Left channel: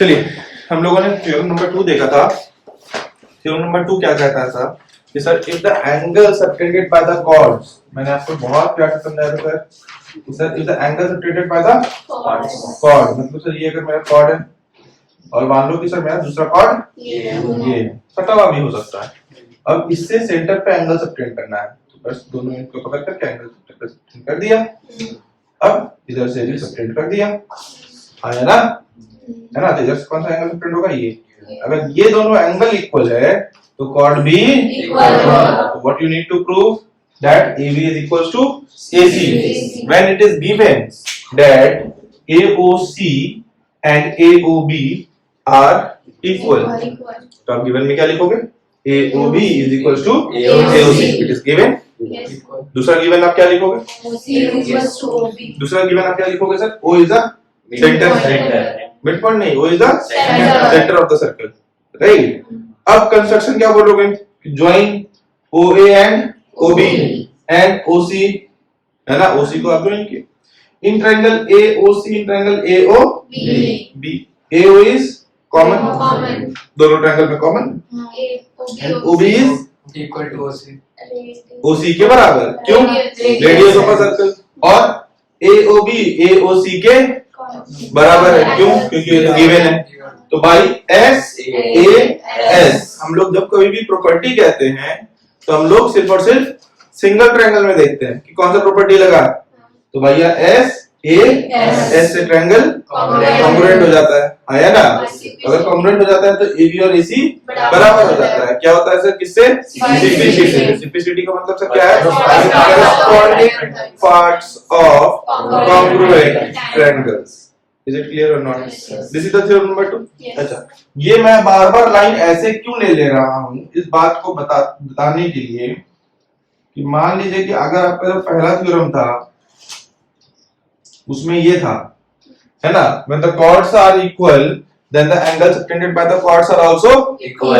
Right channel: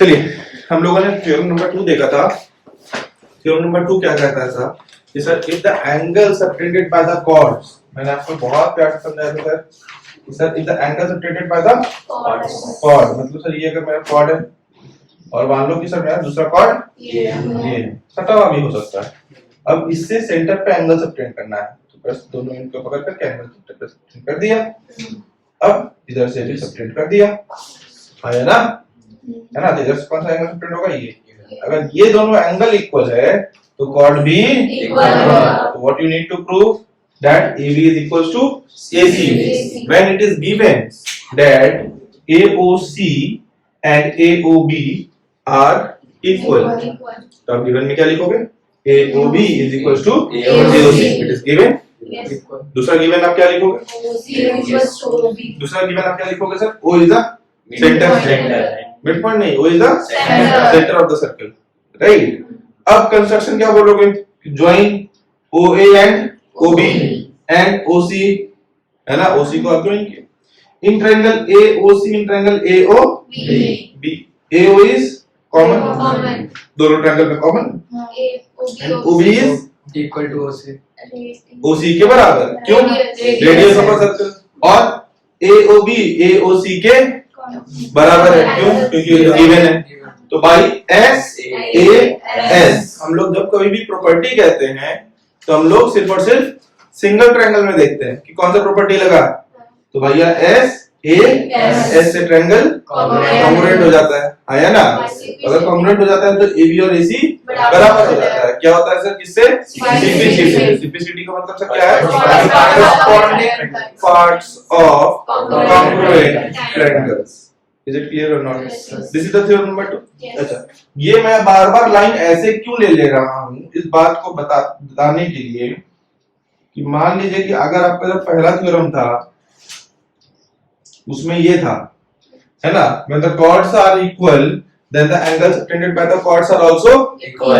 चलिए हम लोगों ने थ्योरम नंबर 2 देखा था। थ्योरम नंबर 2 क्या कहता है सर कि sir if the angle subtended by the chords, मैंने आपको बहुत प्यार से समझाया था सर कि sir if the angle subtended by the chord, मतलब सर ये अगर मेरा कॉर्ड है और मान लो कि सर मेरा दूसरा कॉर्ड ये है, सटा हुआ भी हो सकता है। अब इससे सेंटर पे एंगल सबटेंड करना है तो बस दोनों इनको पकड़ करके एंगल सबटेंड कर दिया। अब इधर से भी सबटेंड कर दिया, आया ना, है ना। तो इधर से कौन सा एंगल सबटेंड होगा, ये। अगर ये दोनों एंगल इक्वल है तो कॉर्ड भी इक्वल होगा। तो what you need to prove that AB is equals to AC when it is given that AOC and AOB are equal। तो आप गिवन में क्या लिखोगे, AOB is equals to AOC, it is given। दूसरा given आप क्या लिखोगे, दूसरा गिवन आप क्या लिखोगे sir, O is the center, mid point नहीं, O is the center of the circle, right. अब कंस्ट्रक्शन क्या बोलोगे, join OA and OB and OC, है ना। OC को आप ज्वाइन किए in triangle AOC in triangle AOB। AO is common, दोनों ट्रायंगल में common, and OB is equal to OC, OC के बराबर, क्यों, रेडियस ऑफ अ सर्कल। और AOB AOC के बराबर है, क्यों, क्योंकि ये गिवन है। तो बाई SAS हम लोग जब कभी भी प्रॉपर्टी कहते हैं तो हम लोग सिर्फ और सिर्फ सिंगल ट्रायंगल में देखते हैं कि कौन सा प्रॉपर्टी लगा। तो भैया S से ट्रायंगल कॉन्ग्रुएंट हो जाता है, आया ना। अगर कॉन्ग्रुएंट हो जाता है तो AB और AC बराबर हो जाता है। क्या होता है सर, किससे, सिंप्लिसिटी का मतलब सर क्या है, corresponding parts of congruent triangles. Is it clear or not? This is the theorem number 2। अच्छा, ये मैं बार बार लाइन ऐसे क्यों ले रहा हूँ, इस बात को बताने के लिए कि मान लीजिए कि अगर आपका जो पहला थ्योरम था उसमें ये था, है ना, when the chords are equal then the angles subtended by the chords are also equal।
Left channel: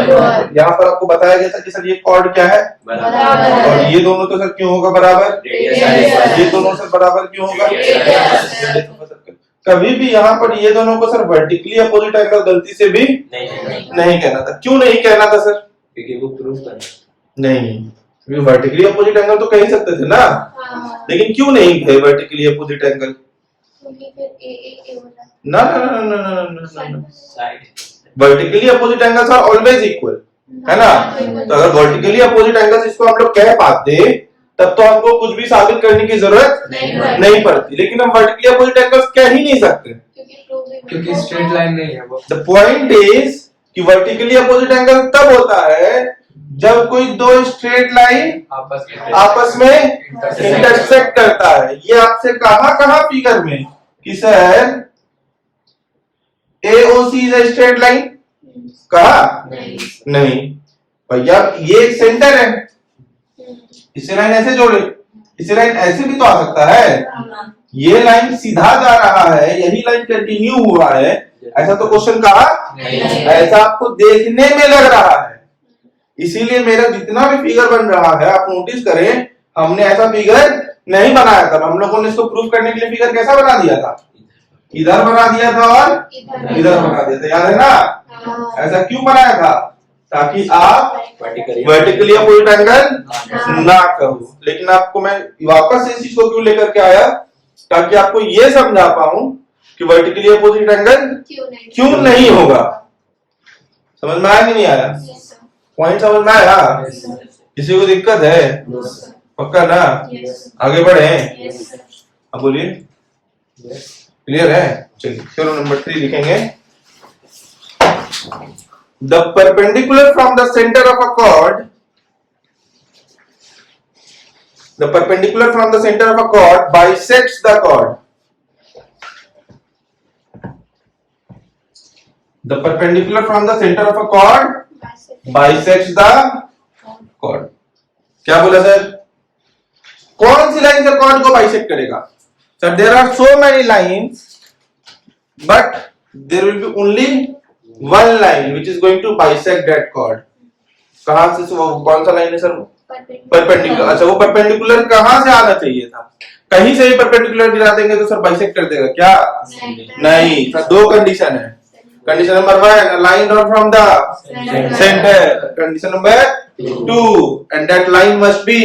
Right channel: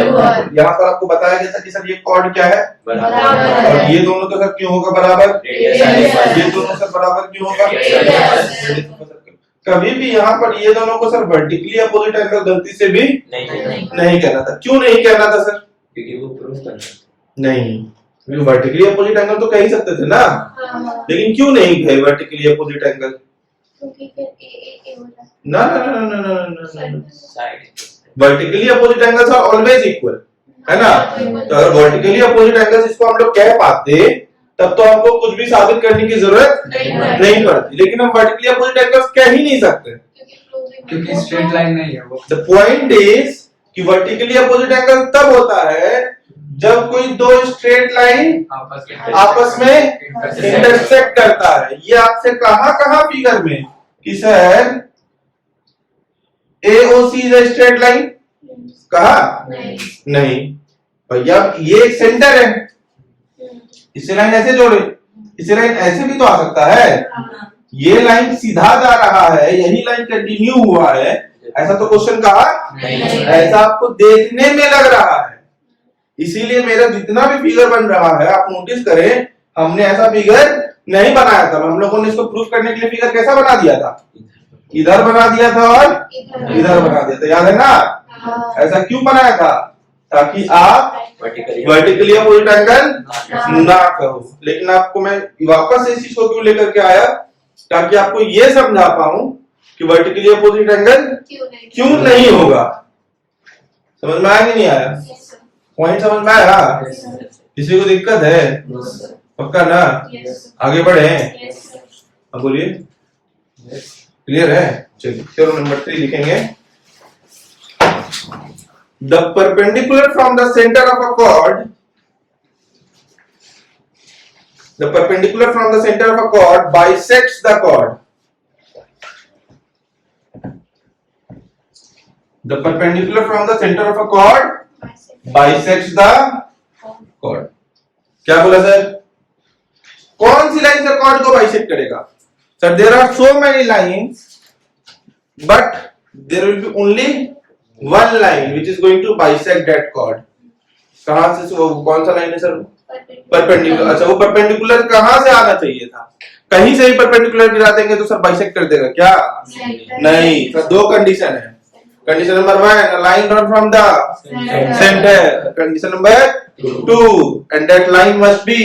यहाँ पर आपको बताया गया था कि सर ये chord क्या है, बराबर, और ये दोनों तो सर क्यों होगा बराबर, ये दोनों सर बराबर क्यों होगा। कभी भी यहाँ पर ये दोनों को सर वर्टिकली अपोजिट एंगल गलती से भी नहीं कहना था। क्यों नहीं कहना था सर, क्योंकि वो प्रूफ करना नहीं, वर्टिकली अपोजिट एंगल तो कह ही सकते थे ना, लेकिन क्यों नहीं कहे वर्टिकली अपोजिट एंगल, ना ना ना ना ना ना, vertically opposite angles are always equal, है ना। तो अगर वर्टिकली अपोजिट एंगल्स इसको हम लोग कह पाते तब तो आपको कुछ भी साबित करने की जरूरत नहीं पड़ती, लेकिन हम वर्टिकली अपोजिट एंगल्स कह ही नहीं सकते क्योंकि स्ट्रेट लाइन नहीं है वो। द पॉइंट इज कि वर्टिकली अपोजिट एंगल तब होता है जब कोई दो स्ट्रेट लाइन आपस में इंटरसेक्ट करता है। ये आपसे कहां फिगर में कि sir AOC is a straight line, कहा नहीं भैया, ये एक सेंटर है, इसे लाइन ऐसे जोड़े, इसे लाइन ऐसे भी तो आ सकता है। ये लाइन सीधा जा रहा है, यही लाइन कंटिन्यू हुआ है, ऐसा तो क्वेश्चन कहा, ऐसा आपको देखने में लग रहा है। इसीलिए मेरा जितना भी फिगर बन रहा है आप नोटिस करें, हमने ऐसा फिगर नहीं बनाया था। हम लोगों ने इसको प्रूफ करने के लिए फिगर कैसा बना दिया था, इधर बना दिया था और इधर बना दिया था, याद है ना। ऐसा क्यों बनाया था, ताकि आप वर्टिकली अपोजिट एंगल ना कहो। लेकिन आपको मैं वापस इस चीज को क्यों लेकर के आया, ताकि आपको ये समझा पाऊं कि वर्टिकली अपोजिट एंगल क्यों नहीं होगा। समझ में आया कि नहीं आया, पॉइंट समझ में आया, किसी को दिक्कत है, पक्का ना, आगे बढ़े, अब बोलिए, क्लियर है। चलिए थ्योरम नंबर 3 लिखेंगे। The perpendicular from the center of a chord, the perpendicular from the center of a chord bisects the chord. The perpendicular from the center of a chord bisects the chord. क्या बोला sir, कौन सी line से chord को bisect करेगा। Sir there are so many lines but there will be only one line which is going to bisect that chord। कहां से, वो कौन सा लाइन है सर, परपेंडिकुलर। अच्छा, वो परपेंडिकुलर कहां से आना चाहिए था, कहीं से ही परपेंडिकुलर गिरा देंगे तो सर बाइसेक्ट कर देगा क्या, नहीं। सर दो कंडीशन है, condition number 1, line drawn from the centre. Condition number 2, and that line must be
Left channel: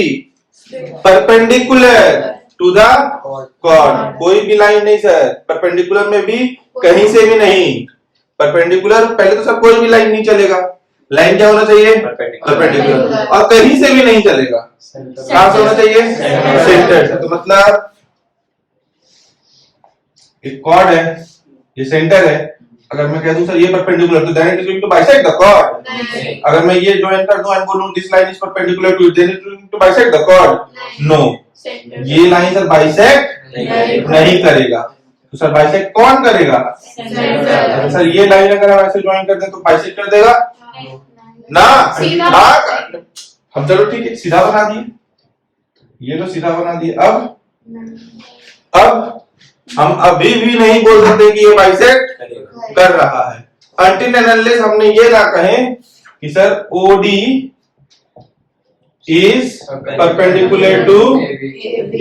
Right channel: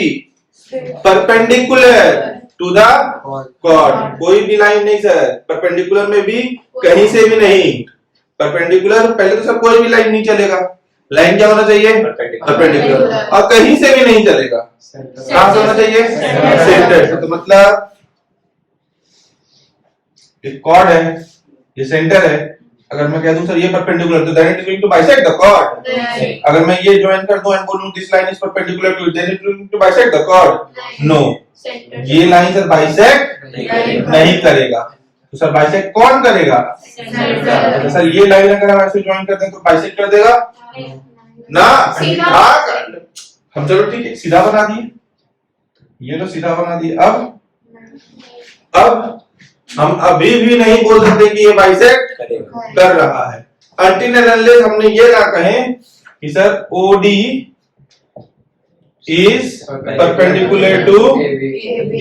perpendicular to the chord. कोई भी लाइन नहीं सर, परपेंडिकुलर में भी कहीं से भी नहीं. परपेंडिकुलर पहले तो सर कोई भी लाइन नहीं चलेगा. लाइन क्या होना चाहिए? परपेंडिकुलर. और कहीं से भी नहीं चलेगा. कहां से होना चाहिए? सेंटर से. तो मतलब एक कॉर्ड है, ये सेंटर है. अगर मैं कह दूं सर ये परपेंडिकुलर, तो then it is going to bisect the chord. अगर मैं ये ज्वाइन कर दूं एंड बोलूं this line is perpendicular to it, then it is going to bisect the chord. No, ये लाइन सर बाइसेक्ट नहीं करेगा. तो सर बाइसेक्ट कौन करेगा? सर ये लाइन अगर हम ऐसे ज्वाइन कर दें तो बाइसेक्ट कर देगा ना? हम चलो ठीक है सीधा बना दिए, ये तो सीधा बना दिए. अब हम अभी भी नहीं बोल सकते कि ये बाइसेक्ट कर रहा है until and unless हमने ये ना कहें कि sir OD is perpendicular to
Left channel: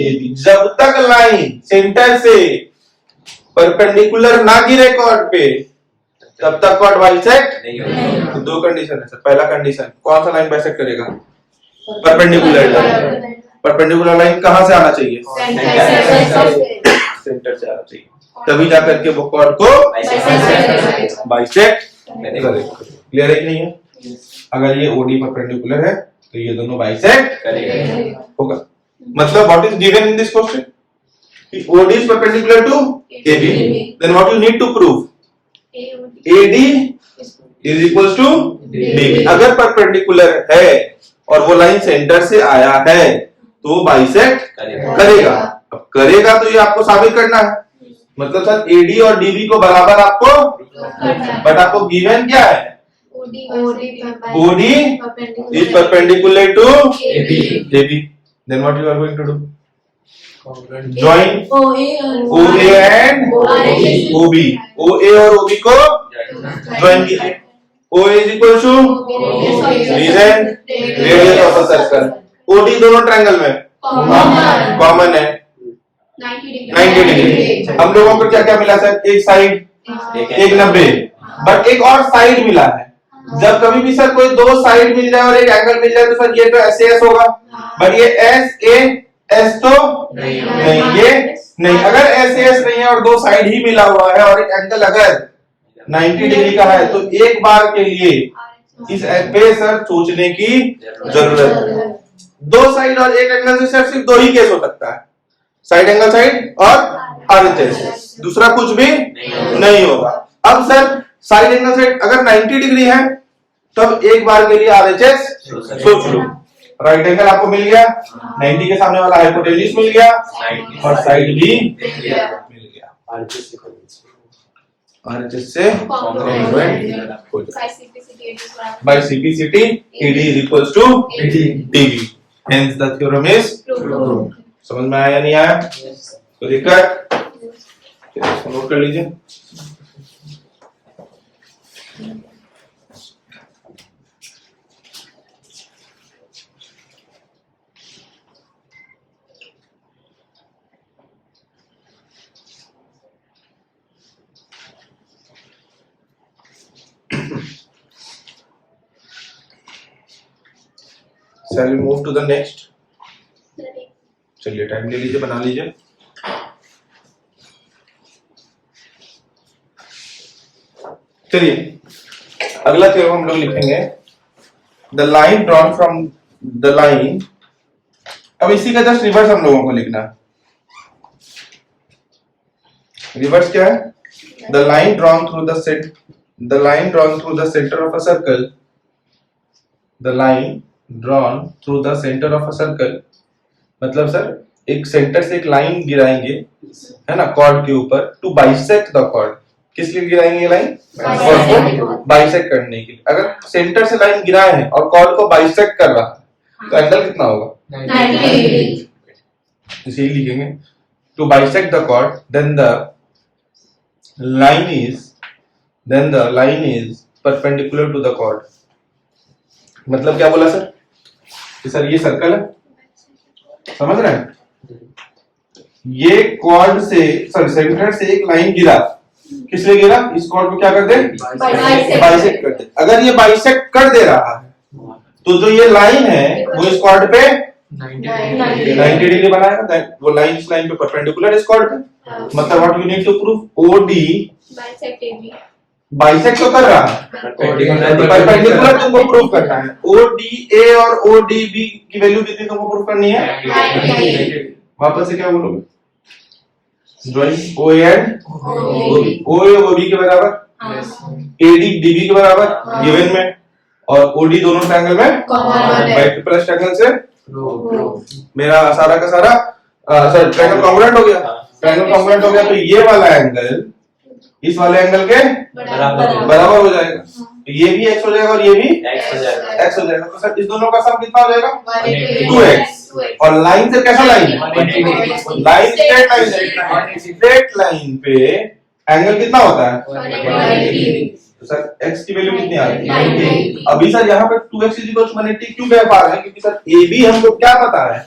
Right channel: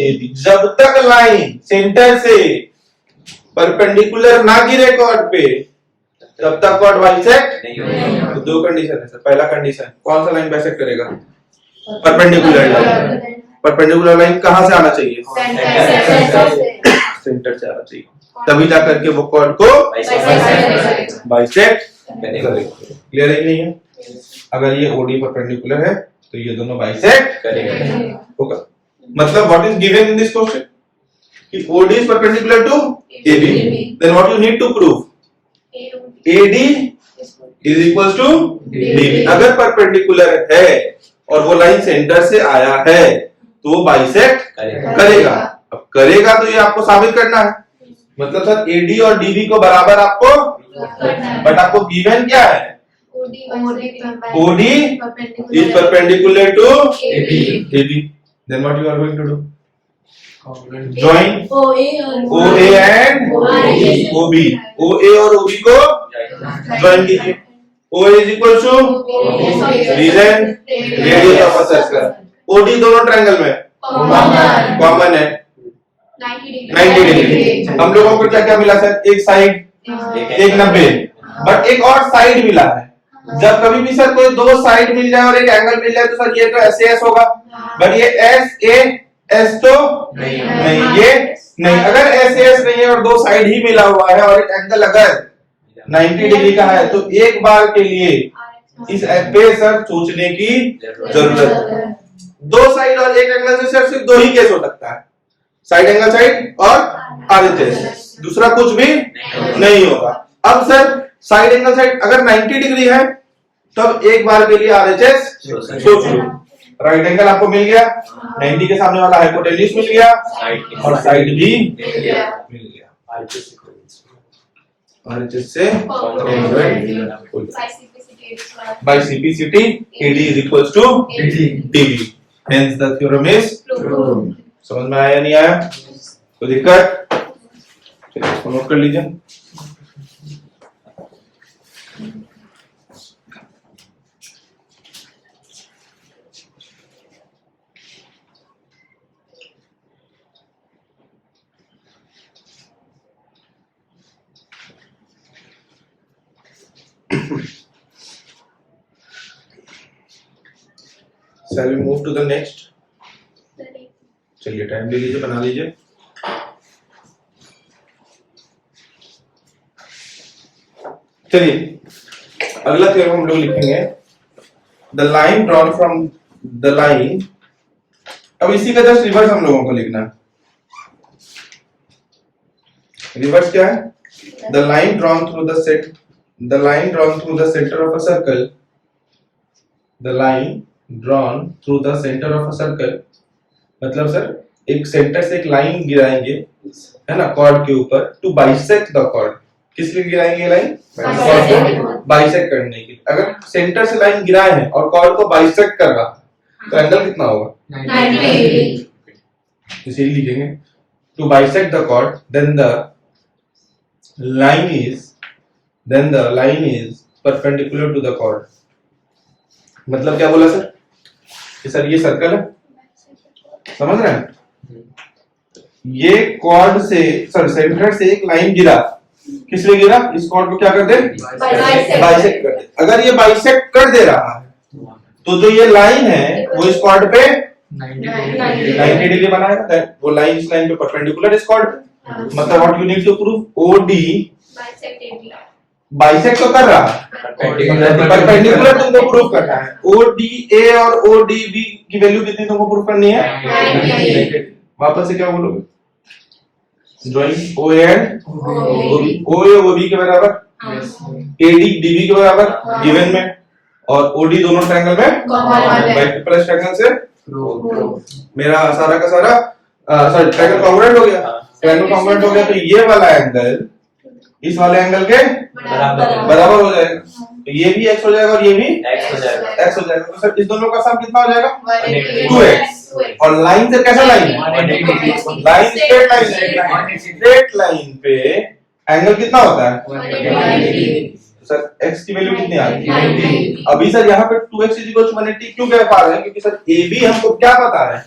AB. जब तक लाइन सेंटर से परपेंडिकुलर ना गिरे कॉर्ड पे तब तक कॉर्ड बाइसेक्ट नहीं होगा. तो दो कंडीशन है सर. पहला कंडीशन, कौन सा लाइन बाइसेक्ट करेगा? Perpendicular line. परपेंडिकुलर लाइन कहां से आना चाहिए? सेंटर से आना चाहिए, तभी जाकर के वो कॉर्ड को बाइसेक्ट करेगा. क्लियर है कि नहीं है? अगर ये OD परपेंडिकुलर है तो ये दोनों बाइसेक्ट होगा. मतलब what is given in this question कि OD is perpendicular to AB, then what you need to prove? AD is equals to DB. अगर परपेंडिकुलर है और वो लाइन सेंटर से आया है तो वो बाइसेक्ट करेगा. अब करेगा तो ये आपको साबित करना है. मतलब सर AD और DB को बराबर आपको, बट आपको गिवन क्या है? OD is perpendicular to AB. Then what you are going to do? Join OA and OB. OA और OB को ज्वाइन कीजिए. OA is equal to reason radius of a circle. OD दोनों triangle में common है 90 degree. हम लोगों को क्या क्या मिला सर? एक साइड, एक 90, बट एक और साइड मिला है. जब कभी भी सर कोई दो साइड मिल जाए और एक एंगल मिल जाए तो सर ये तो SAS होगा, बट ये SAS तो नहीं, ये नहीं. अगर SAS नहीं है और दो साइड ही मिला हुआ है और एक एंगल अगर 90 डिग्री का है तो एक बार के लिए इस पे सर सोचने की जरूरत है. दो साइड और एक एंगल से सिर्फ दो ही केस हो सकता है, साइड एंगल साइड और RHS. दूसरा कुछ भी नहीं होगा. अब सर साइड एंगल साइड अगर 90 डिग्री है तब एक बार के लिए RHS सोच लो. राइट एंगल आपको मिल गया, 90 के सामने वाला हाइपोटेन्यूज मिल गया और साइड भी मिल गया. RHS से by CPCT AD is equals to DB. Hence the theorem is true. समझ में आया नहीं आया? तो दिक्कत? चलिए इसको नोट कर लीजिए. Shall we move to the next? चलिए टाइम ले लीजिए, बना लीजिए. चलिए अगला थ्योरम हम लोग लिखेंगे the line drawn from the line. अब इसी का जस्ट रिवर्स हम लोगों को लिखना है. रिवर्स क्या है? The line drawn through the set, the line drawn through the centre of a circle, the line drawn through the centre of a circle. मतलब सर एक सेंटर से एक लाइन गिराएंगे है ना कॉर्ड के ऊपर टू बाइसेक्ट द कॉर्ड. किस लिए गिराएंगे ये लाइन? कॉर्ड को बाइसेक्ट करने के लिए. अगर सेंटर से लाइन गिराए हैं और कॉर्ड को बाइसेक्ट कर रहा है तो एंगल कितना होगा? 90. इसीलिए लिखेंगे to bisect the chord then the line is perpendicular to the chord. मतलब क्या बोला सर कि सर ये सर्कल है, समझ रहे हैं? ये कॉर्ड से सर सेंटर से एक लाइन गिरा किस लिए गिरा? इस कॉर्ड को क्या कर दे? बाइसेक्ट कर दे। अगर ये बाइसेक्ट कर दे रहा है तो जो ये लाइन है वो इस कॉर्ड पे 90 डिग्री बनाएगा। वो लाइन इस लाइन पे परपेंडिकुलर इस कॉर्ड पे। मतलब what you need to prove, OD bisect तो कर रहा है, परपेंडिकुलर तुमको प्रूव करना है। ओडीए और ओडीबी की वैल्यू कितनी तुमको प्रूव करनी है? वापस से क्या बोलोगे? ज्वाइन ओ एंड ओबी, ओ और ओबी के बराबर, एडी डीबी के बराबर गिवन में, और ओडी दोनों ट्रायंगल में राइट प्लस ट्रायंगल से मेरा सारा का सारा सॉरी ट्रायंगल कॉन्ग्रुएंट हो गया। ट्रायंगल कॉन्ग्रुएंट हो गया तो ये वाला एंगल इस वाले एंगल के बराबर हो जाएगा। तो ये भी x हो जाएगा और ये भी x हो जाएगा। तो सर इस दोनों का सम कितना हो जाएगा? 2x। और लाइन से कैसा लाइन है? लाइन स्ट्रेट लाइन है। स्ट्रेट लाइन पे एंगल कितना होता है? तो सर x की वैल्यू कितनी आ गई? अभी सर यहाँ पे 2x = 180 क्यों कह पा रहे हैं? क्योंकि सर AB हमको क्या पता है?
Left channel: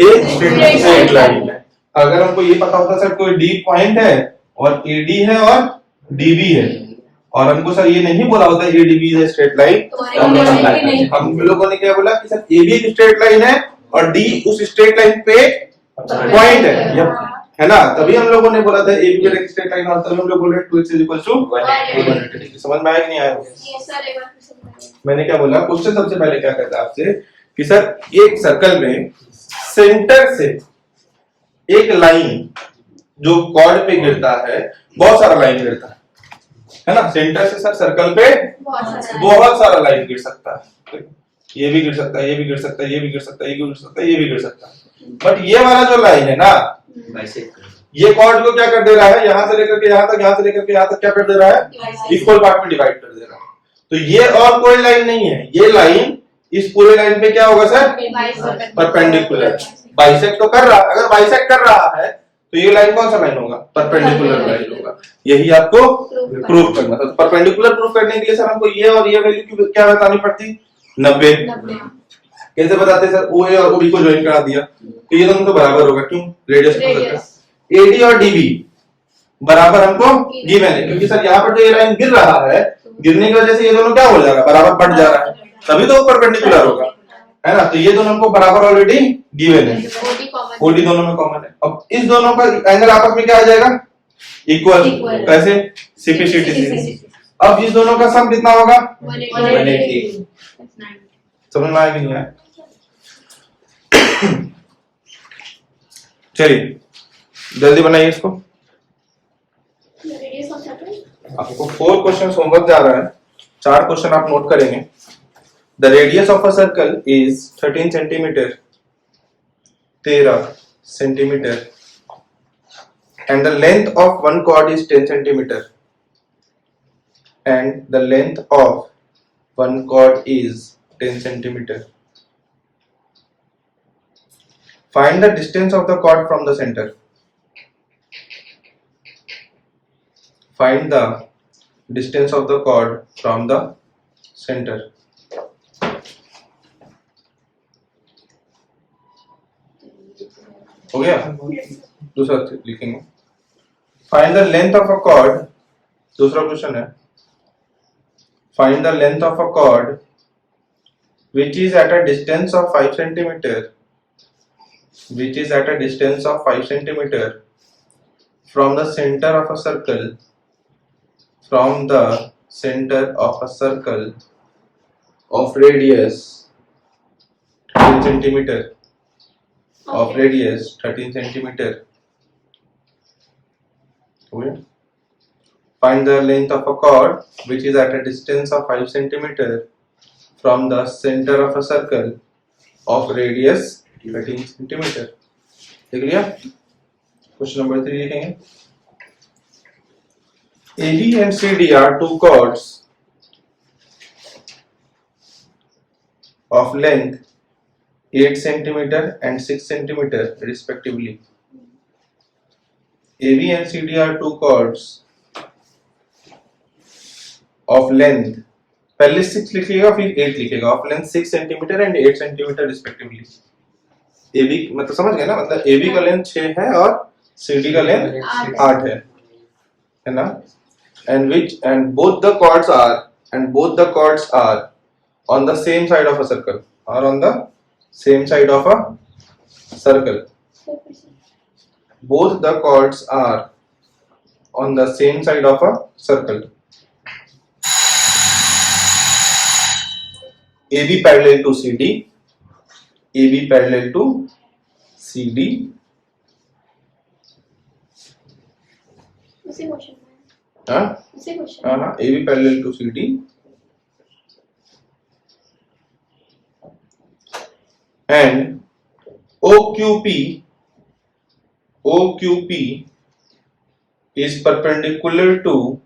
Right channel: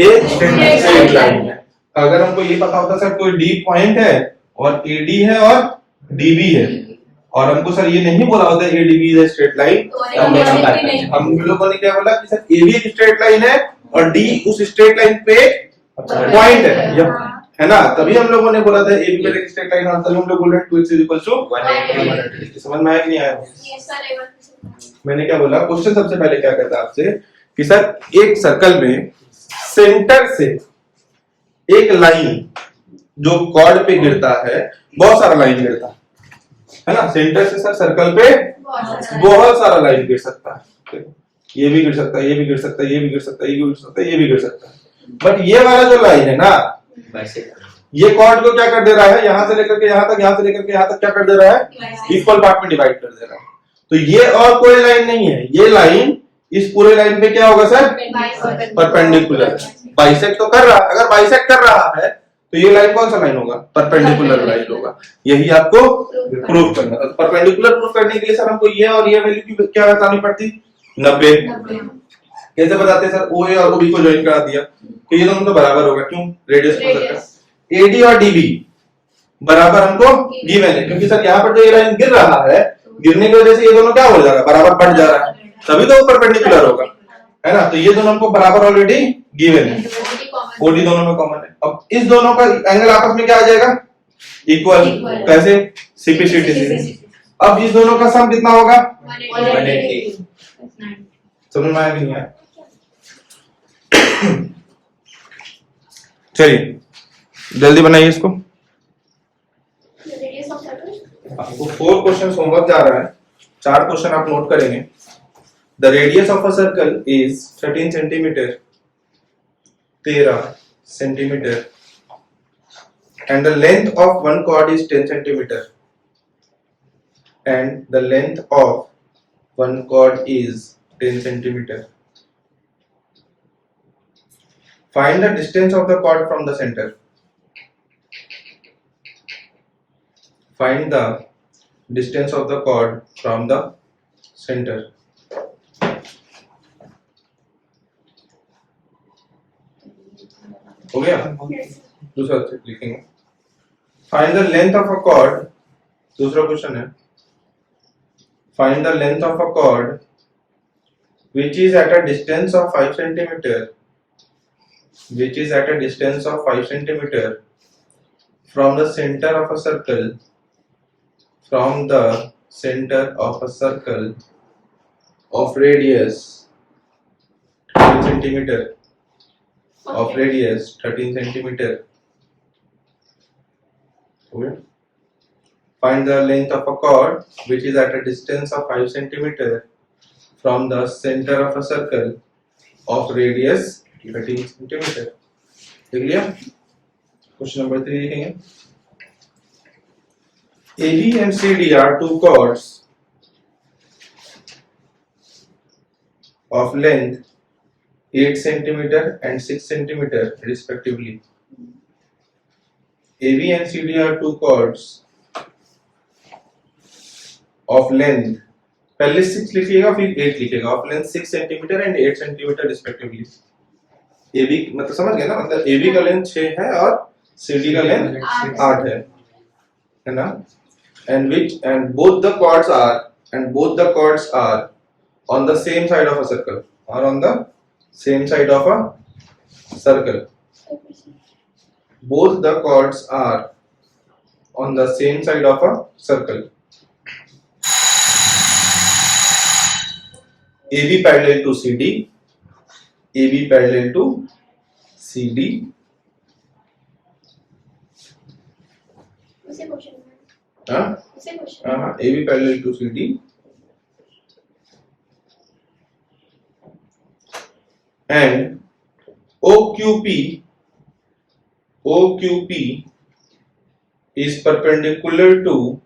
A स्ट्रेट लाइन है। अगर हमको ये पता होता सर कोई D पॉइंट है और AD है और DB है, और हमको सर ये नहीं बोला होता ADB इज स्ट्रेट लाइन, हम लोगों ने क्या बोला कि सर AB एक स्ट्रेट लाइन है और D उस स्ट्रेट लाइन पे पॉइंट है ना, तभी हम लोगों ने बोला था AB भी एक स्ट्रेट लाइन, और तभी हम लोग बोल रहे हैं 2x = 180। समझ में आया कि नहीं आया? मैंने क्या बोला? क्वेश्चन सबसे पहले क्या कहता है आपसे कि सर एक सर्कल में सेंटर से एक लाइन जो कॉर्ड पे गिरता है, बहुत सारा लाइन गिरता है ना, सेंटर से सर सर्कल पे बहुत सारा लाइन गिर सकता है। ये भी गिर सकता है, ये भी गिर सकता है, ये भी गिर सकता है, ये भी गिर सकता है, ये भी गिर सकता है। बट ये वाला जो लाइन है ना, ये कॉर्ड को क्या कर दे रहा है? यहां से लेकर के यहां तक, यहां से लेकर के यहां तक क्या कर दे रहा है? इक्वल पार्ट में डिवाइड कर दे रहा है। तो ये और कोई लाइन नहीं है, ये लाइन इस पूरे लाइन पे क्या होगा सर? परपेंडिकुलर। बाइसेक्ट तो कर रहा है। अगर बाइसेक्ट कर रहा है तो ये लाइन कौन सा लाइन होगा? परपेंडिकुलर लाइन होगा। यही आपको प्रूव करना था। परपेंडिकुलर प्रूव करने के लिए सर हमको ये और ये वैल्यू क्या बतानी पड़ती? 90। कैसे बताते सर? ओ ए और ओ बी को ज्वाइन करा दिया तो ये दोनों तो बराबर होगा। क्यों? रेडियस को सर्कल एडी और डीबी बराबर हमको गिवन है, क्योंकि सर यहाँ पर जो ये लाइन गिर रहा है, गिरने की वजह से ये दोनों क्या हो जा रहा है? बराबर बढ़ जा रहा है, तभी तो वो परपेंडिकुलर होगा, है ना। तो ये दोनों हमको बराबर ऑलरेडी गिवन है, ओडी दोनों में कॉमन है। अब इस दोनों का एंगल आपस में क्या आ जाएगा? इक्वल। कैसे? CP/CD। अब इस दोनों का सम कितना होगा? 180। समझ में आया कि नहीं आया? चलिए जल्दी बनाइए इसको। आपको 4 क्वेश्चन होमवर्क जा रहा है, 4 क्वेश्चन आप नोट करेंगे। The radius of a circle is 13 centimetre, 13 centimetre, and the length of one chord is 10 centimeter, and the length of one chord is 10 centimeter. Find the distance of the chord from the center. Find the distance of the chord from the center. हो गया? दूसरा लिखेंगे। Find the length of a chord. दूसरा question है Find the length of a chord which is at a distance of 5 centimeter, which is at a distance of 5 centimeter from the center of a circle, from the center of a circle of radius 13 centimeter, of radius 13 centimeter. Okay. Find the length of a chord which is at a distance of 5 centimeter from the center of a circle of radius 13 centimeter. देख लिया? Question number 3 लिखेंगे। AB and CD are two chords of length 8 centimeter and 6 centimeter respectively. AB and CD are two chords of length, पहले 6 लिखिएगा फिर 8 लिखिएगा, of length 6 centimeter and 8 centimeter respectively. AB मतलब समझ गए ना, मतलब AB का लेंथ 6 है और CD का लेंथ 8 है ना। and both the chords are on the same side of a circle, are on the same side of a circle. Both the chords are on the same side of a circle. AB parallel to CD, AB parallel to CD. उसी question में हाँ उसी question हाँ AB parallel to CD and OQP is perpendicular to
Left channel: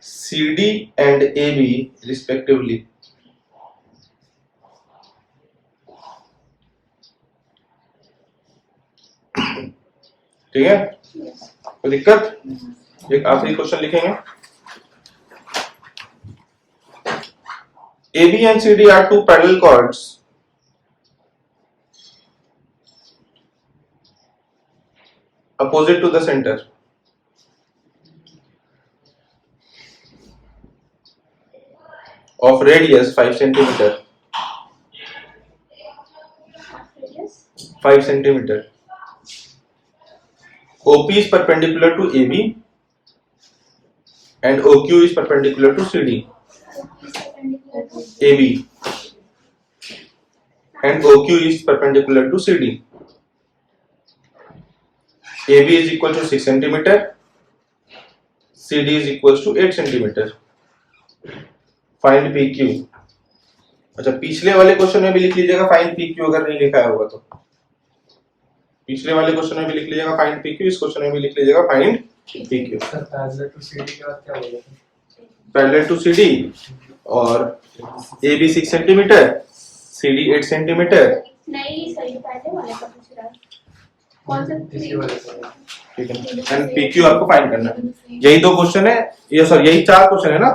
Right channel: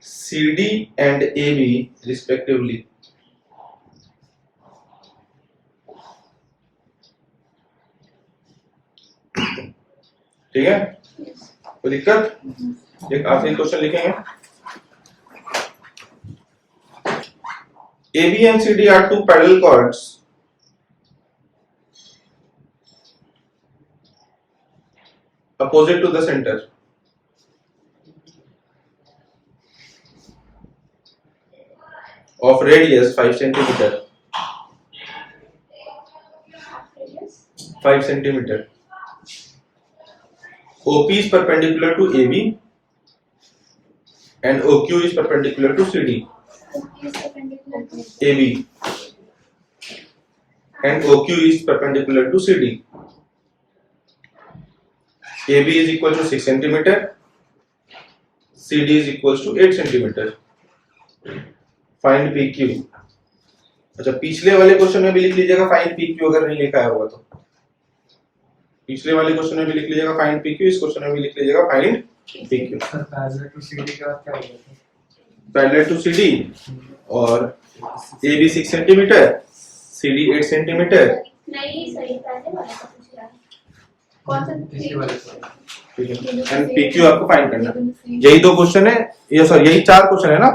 CD and AB respectively. ठीक है, कोई दिक्कत? एक आखिरी क्वेश्चन लिखेंगे. AB and CD are two parallel chords opposite to the center. Of radius 5 centimeter. 5 centimeter. OP is perpendicular to AB and OQ is perpendicular to CD. AB and OQ is perpendicular to CD. AB is equal to 6 centimeter. CD is equal to 8 centimeter. Find PQ. अच्छा, पिछले वाले question में भी लिख लीजिएगा find PQ अगर नहीं लिखा है होगा तो. पिछले वाले क्वेश्चन में भी लिख लीजिएगा फाइंड PQ, इस क्वेश्चन में भी लिख लीजिएगा find PQ. Sir parallel to CD के बाद क्या होगा? पैरेलल टू CD और AB 6 सेंटीमीटर, CD 8 सेंटीमीटर. नहीं सही पहले वाले का पूछ रहा है कौन सा इसके वाले का ठीक है, एंड PQ आपको फाइंड करना है. यही दो क्वेश्चन है, ये सॉरी यही चार क्वेश्चन है ना,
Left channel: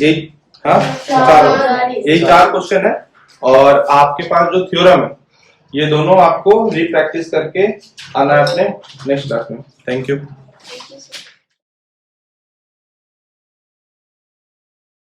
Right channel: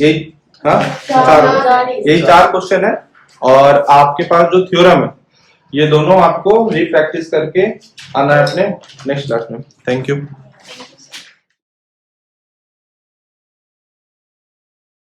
यही हाँ यही चार क्वेश्चन है. और आपके पास जो थ्योरम है ये दोनों आपको री प्रैक्टिस करके आना है अपने नेक्स्ट क्लास में. Thank you.